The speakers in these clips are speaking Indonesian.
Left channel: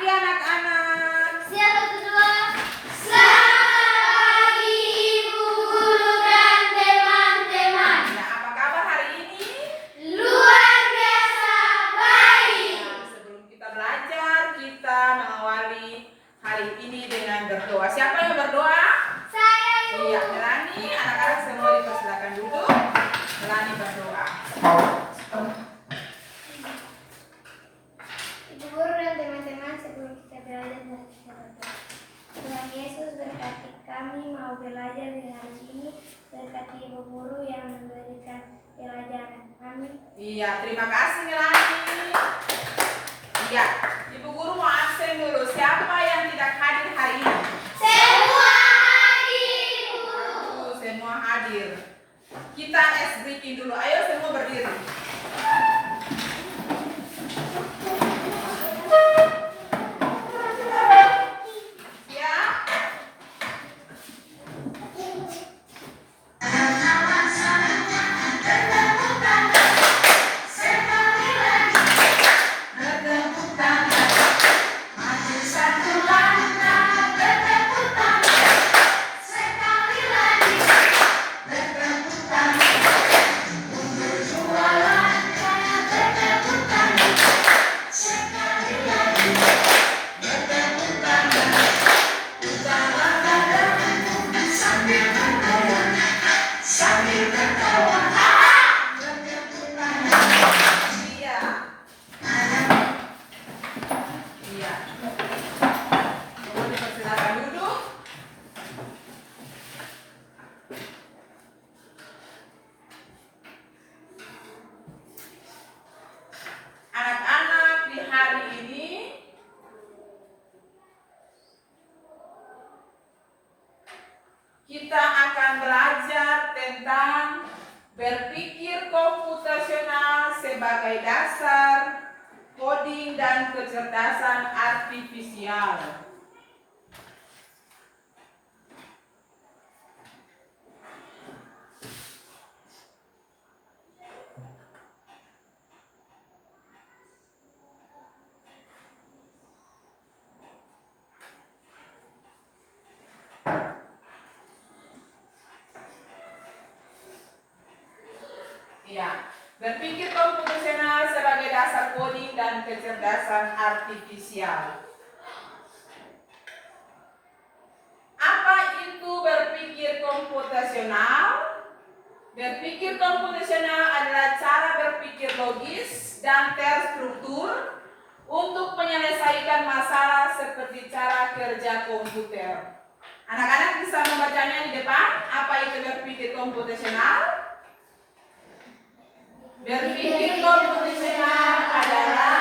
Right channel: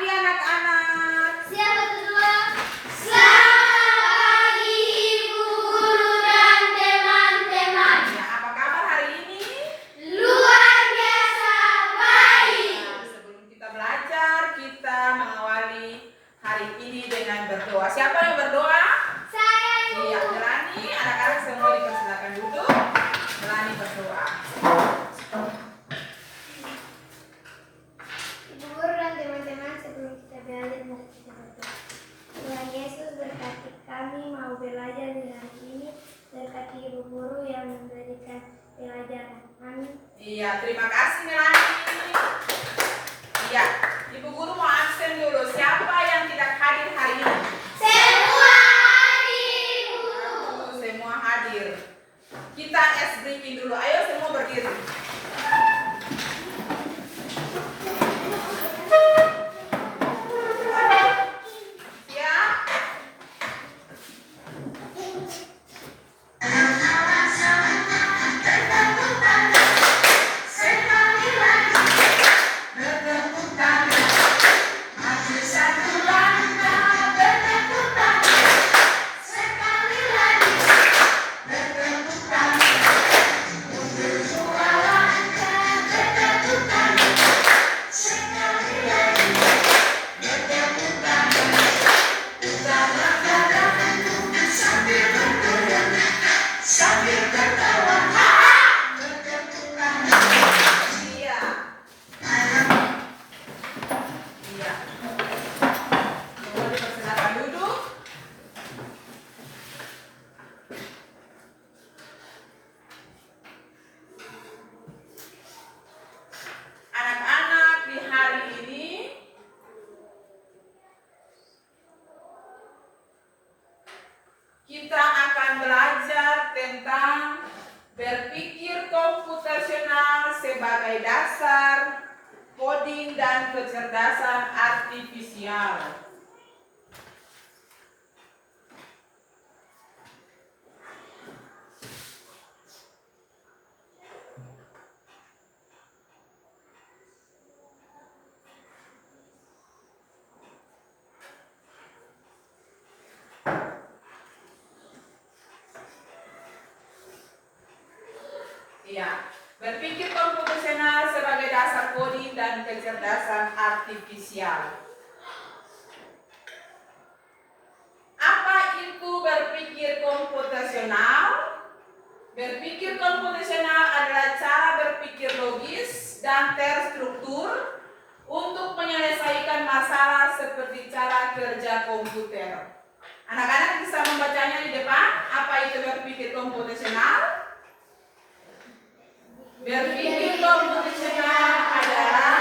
pagi anak-anak. Siapa kedua? Selamat pagi Ibu Guru dan teman-teman. Ya, apa kabar hari ini? Luar biasa baik. Nah, sebelum kita belajar, kita mengawali hari ini dengan berdoa. Siapa yang berdoa? Saya Ibu. Iya, Melani. Anak-anak semua dipersilakan duduk. Melani berdoa. Ibu Guru dan teman-teman, sebelum kita belajar mari kita berdoa. Tuhan Yesus, berkati kami mau belajar di hari ini. Berkati Ibu Guru yang memberikan pelajaran. Amin. Iya, terima kasih Melani. Iya, Ibu Guru mau absen dulu. Siapa yang tidak hadir hari ini? Semua hadir, Bu. Semua hadir. Kita briefing dulu. Ayo semua berdiri. Siap? Iya. Iya. Boleh persilakan duduk. Anak-anak, di hari ini kita akan belajar tentang berpikir komputasional sebagai dasar coding dan kecerdasan artifisial. Ya, berpikir komputasional sebagai dasar coding dan kecerdasan artifisial. Apa itu berpikir komputasional? Berpikir komputasional adalah cara berpikir logis dan terstruktur untuk menyelesaikan masalah seperti cara kerja komputer. Anak-anak bisa membacanya di depan. Apa itu berpikir komputasional? Berpikir komputasional adalah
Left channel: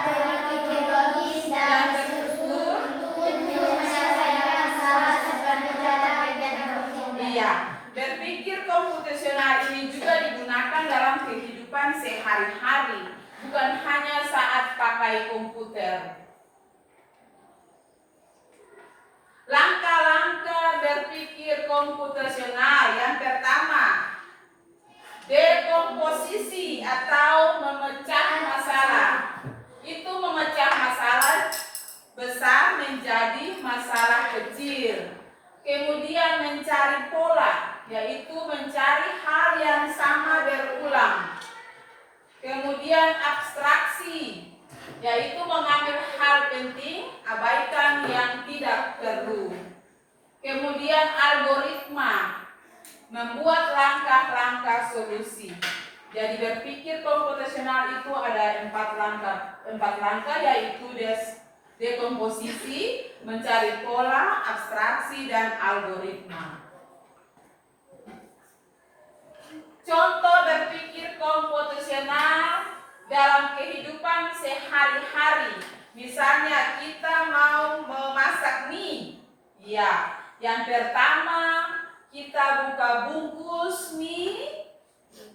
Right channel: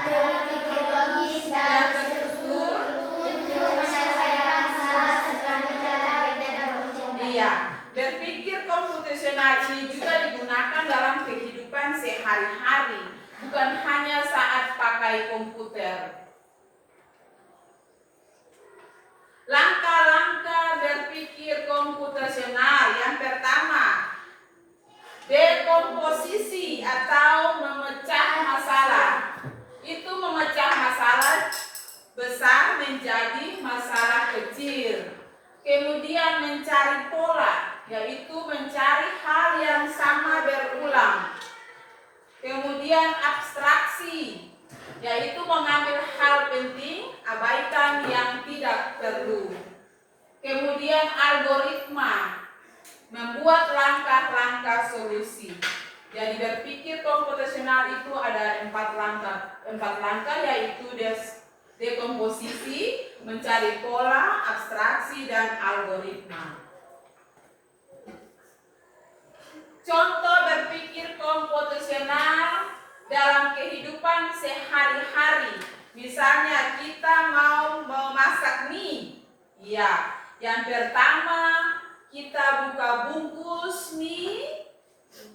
berpikir logis dan terstruktur. untuk menyelesaikan masalah seperti cara kerja komputer. Iya, berpikir komputasional ini juga digunakan dalam kehidupan sehari-hari, bukan hanya saat pakai komputer. Langkah-langkah berpikir komputasional yang pertama, dekomposisi atau memecah masalah. Itu memecah masalah besar menjadi masalah kecil. Kemudian mencari pola, yaitu mencari hal yang sama berulang. Kemudian abstraksi, yaitu mengambil hal penting, abaikan yang tidak perlu. Kemudian algoritma, membuat langkah-langkah solusi. Jadi berpikir komputasional itu ada empat langkah yaitu dekomposisi, mencari pola, abstraksi, dan algoritma. Contoh berpikir komputasional dalam kehidupan sehari-hari. Misalnya kita mau memasak mie. Ya, yang pertama kita buka bungkus mie,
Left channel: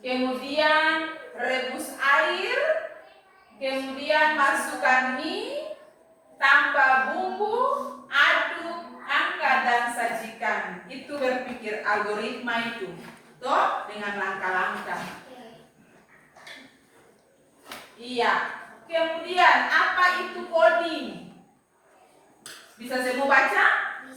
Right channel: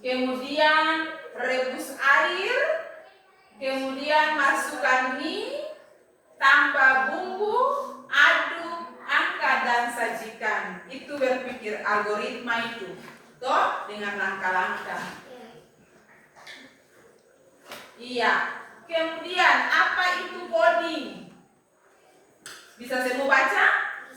kemudian rebus air, kemudian masukkan mie, tambah bumbu, aduk, angkat dan sajikan. Itu berpikir algoritma itu, toh dengan langkah-langkah. Iya. Kemudian apa itu coding? Bisa semua baca?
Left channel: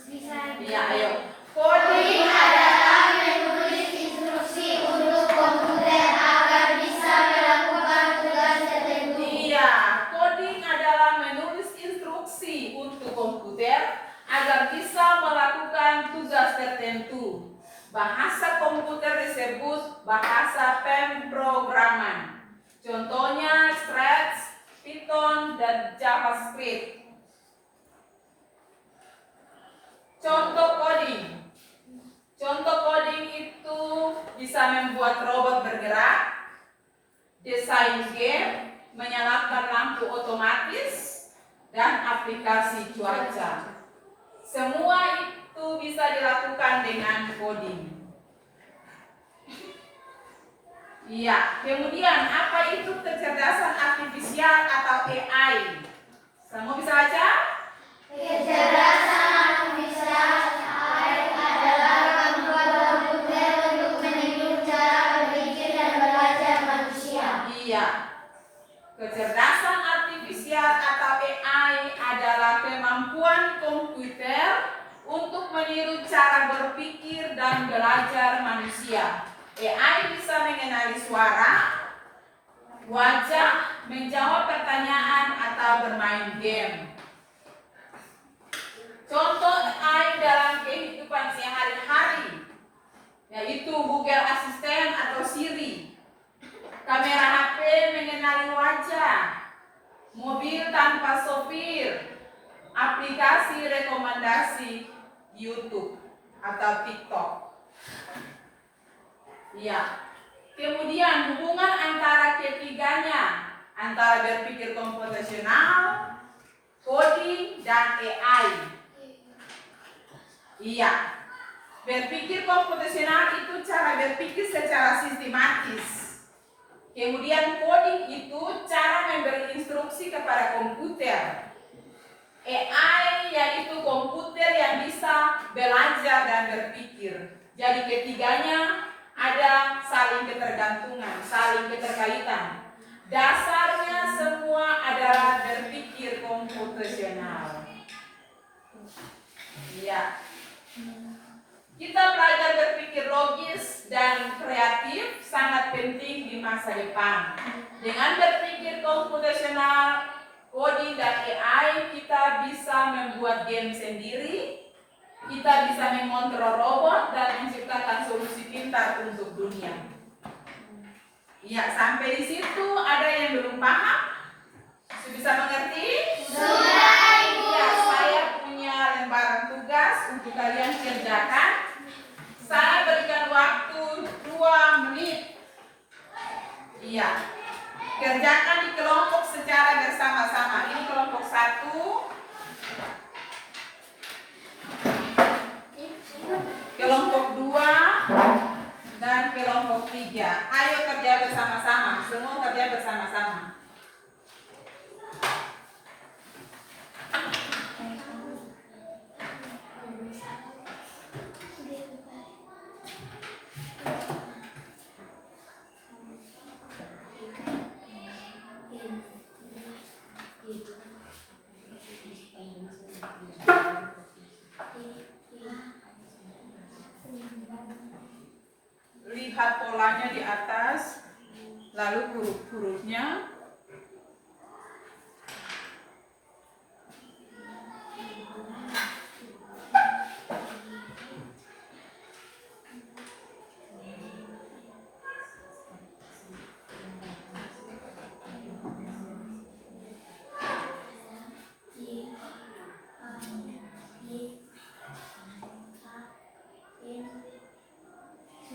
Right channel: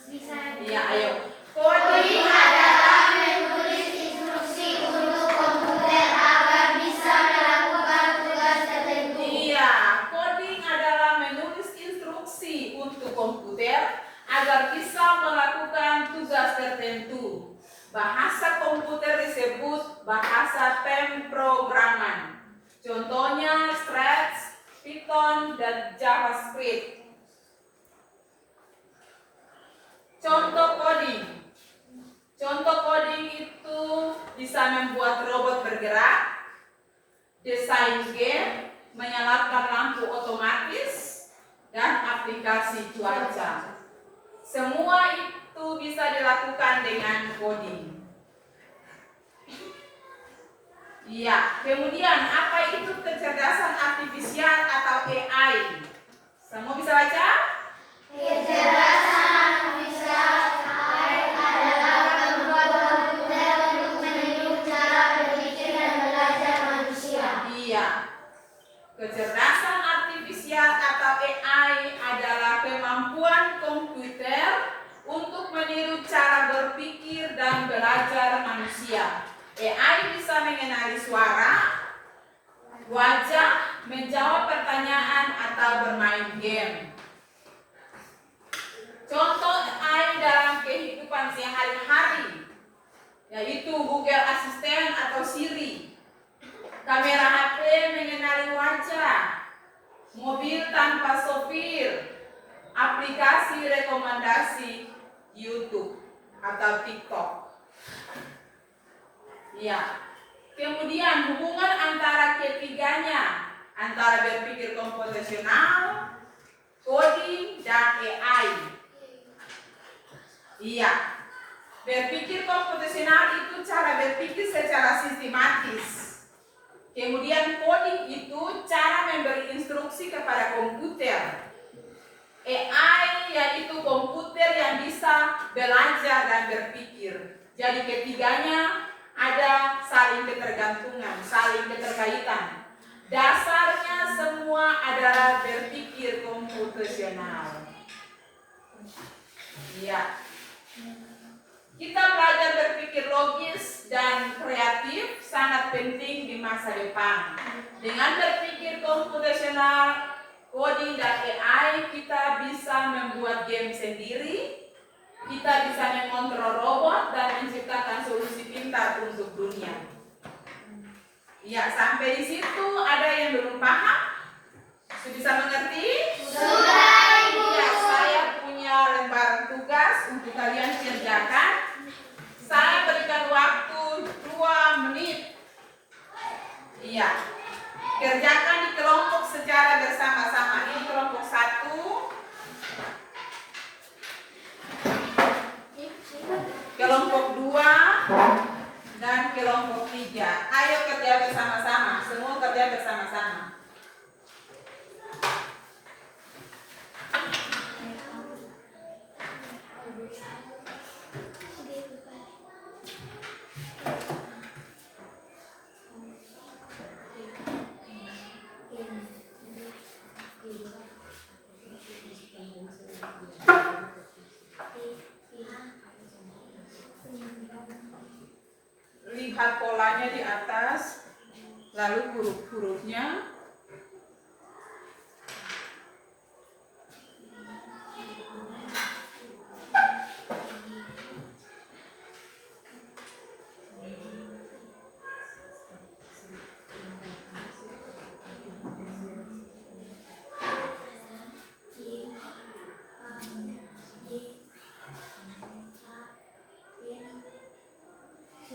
Bisa. Iya, ayo. Coding adalah menulis instruksi untuk komputer agar bisa melakukan tugas tertentu. Iya, coding adalah menulis instruksi untuk komputer agar bisa melakukan tugas tertentu. Bahasa komputer disebut bahasa pemrograman. Contohnya Scratch, Python, dan JavaScript. Contoh coding. Contoh coding itu bisa membuat robot bergerak, desain game, menyalakan lampu otomatis, dan aplikasi cuaca. Semua itu bisa dilakukan dengan coding. Iya, kemudian apa itu kecerdasan artifisial atau AI? Semua bisa baca? Kecerdasan artifisial adalah kemampuan komputer untuk meniru cara berpikir dan belajar manusia. Iya. Kecerdasan artifisial atau AI adalah kemampuan komputer untuk meniru cara berpikir dan belajar manusia. AI bisa mengenali suara, wajah, menjawab pertanyaan, atau bermain game. Contoh AI dalam kehidupan sehari-hari yaitu Google Assistant atau Siri, kamera HP mengenali wajah, mobil tanpa sopir, aplikasi rekomendasi YouTube atau TikTok. Ya. Kemudian hubungan antara ketiganya, antara berpikir komputasional, coding, dan AI. Iya. Berpikir komputasional itu cara berpikir secara sistematis. Kemudian coding itu cara memberi instruksi kepada komputer. AI yaitu komputer yang bisa belajar dan berpikir. Jadi ketiganya ada saling ketergantungan, saling keterkaitan. Dasarnya semua adalah berpikir komputasional. Iya. Kita belajar berpikir logis dan kreatif sangat penting di masa depan. Dengan berpikir komputasional, coding, dan AI, kita bisa membuat game sendiri, kita bisa mengontrol robot dan menciptakan solusi pintar untuk dunia. Ya, sampai di situ ada yang belum paham? Sudah bisa mengerti? Sudah, Ibu. Ya, saya punya lembaran tugas untuk kalian kerjakan. Saya berikan waktu 2 menit. Iya. Kerjakan di kelompok secara bersama-sama. Ini kelompok 1, kelompok 2, dan kelompok 3. Ayo kerja bersama-sama. Semua kerja bersama-sama. Lihat polanya di atas, lalu huruf-hurufnya.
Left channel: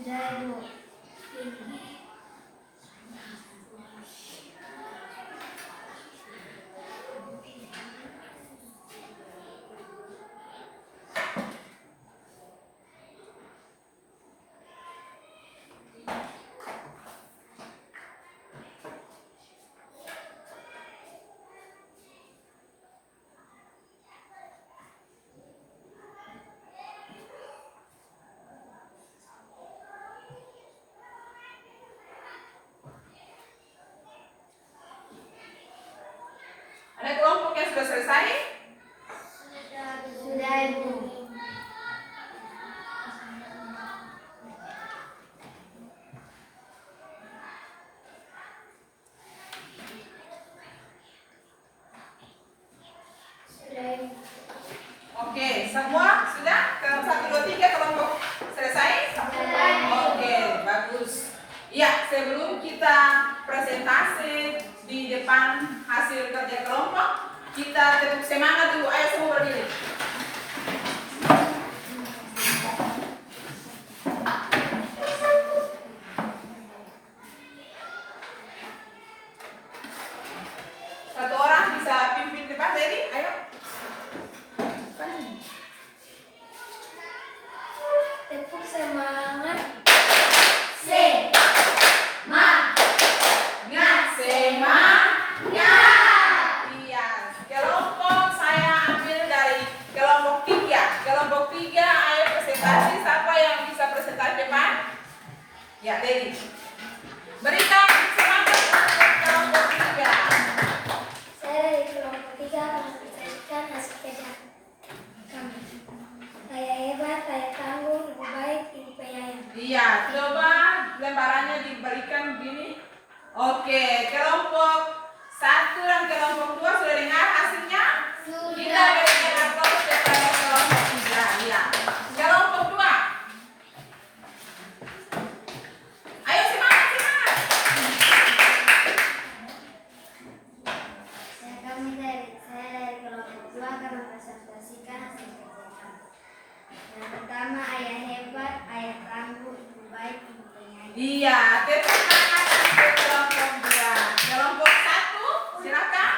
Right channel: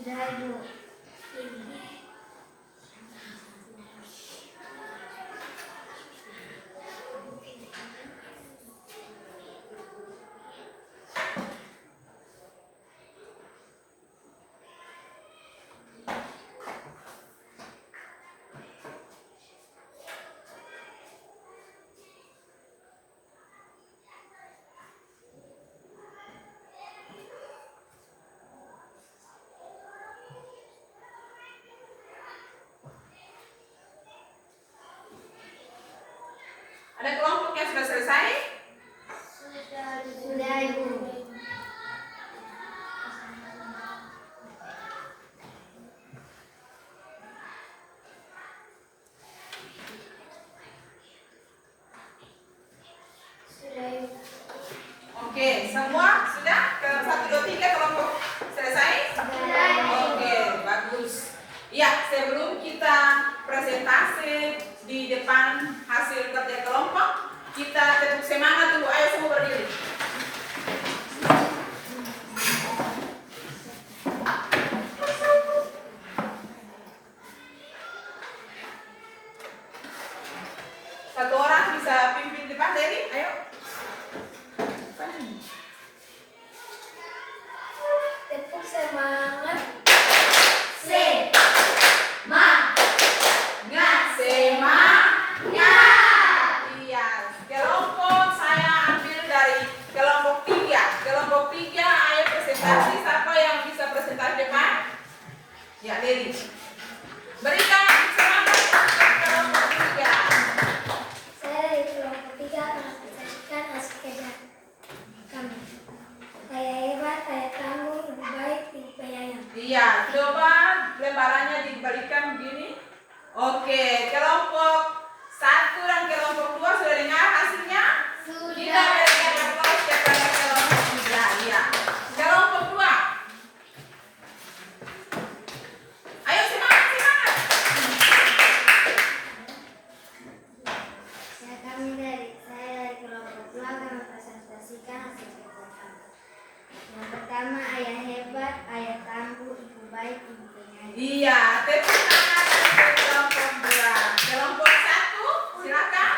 Sudah, Ibu. Oke, semua sudah? Dalam 1, 2, 3 kelompok selesai? Oke, bagus. Ya, sebelum kita presentasi di depan hasil kerja kelompok, kita tepuk semangat dulu. Ayo semua berdiri. Satu orang bisa pimpin depan, Dedi? Ayo. Tepuk semangat. Iya, kelompok saya ambil dari kelompok 3. Kelompok 3, ayo presentasi. Siapa yang bisa presentasi depan? Ya, Dedi. Berikan semangat untuk kelompok 3. Saya dari kelompok 3 mempresentasikan hasil kerja kami. Saya hebat, saya tangguh, lebih baik, ibu penyayang. Iya, coba lembarannya diberikan begini. Oke, kelompok 1 dan kelompok 2 sudah dengar hasilnya? Kita berikan aplaus kepada kelompok 3. Iya. Kelompok 2. Ayo semangat, semangat. Saya dari kelompok 2 akan mempresentasikan hasil kerja kami. Yang pertama, ayah hebat, ayah tangguh, ibu baik, ibu penyayang. Iya, tepuk tangan untuk kelompok 2. Kelompok 1, silakan.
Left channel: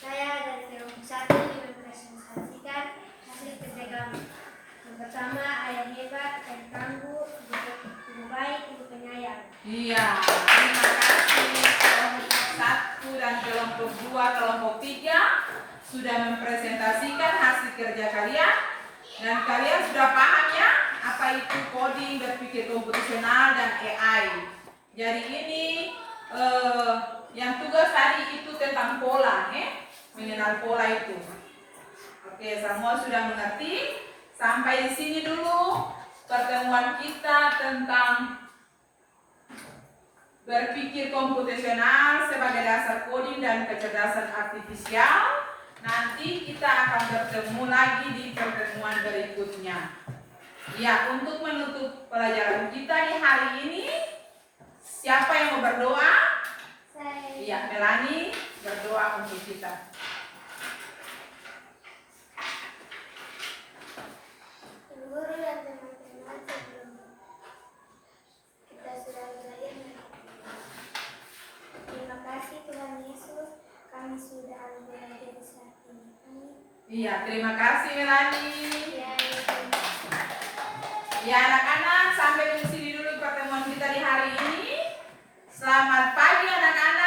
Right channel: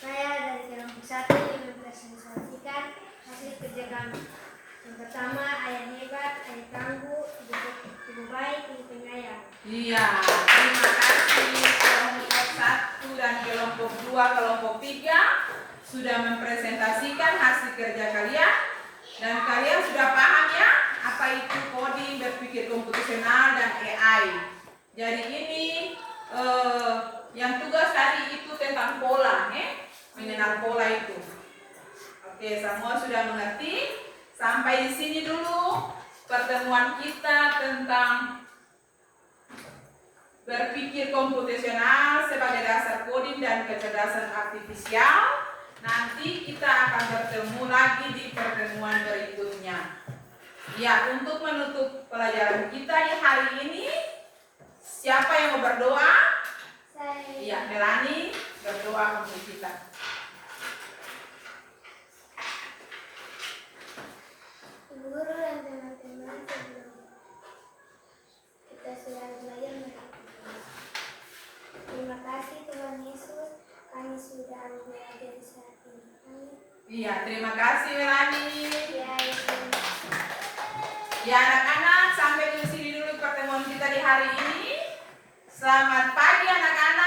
Saya dari kelompok 1 mempresentasikan hasil kerja kami. Yang pertama, ayah hebat, ayah tangguh, ibu baik, ibu penyayang. Iya, terima kasih kelompok 1 dan kelompok 2, kelompok 3 sudah mempresentasikan hasil kerja kalian dan kalian sudah paham ya apa itu coding, berpikir komputasional dan AI. Jadi ini yang tugas tadi itu tentang pola, mengenal pola itu. Oke, semua sudah mengerti? Sampai di sini dulu pertemuan kita tentang berpikir komputasional sebagai dasar coding dan kecerdasan artifisial. Nanti kita akan bertemu lagi di pertemuan berikutnya. Ya, untuk menutup pelajaran kita di hari ini, siapa yang mau berdoa? Saya. Iya, Melani berdoa untuk kita. Ibu guru dan teman-teman, sebelum kita sudah belajar terima kasih Tuhan Yesus, kami sudah belajar saat ini. Iya, terima kasih Melani. Ya, Ya anak-anak, sampai di sini dulu pertemuan kita di hari ini. Selamat pagi anak-anak.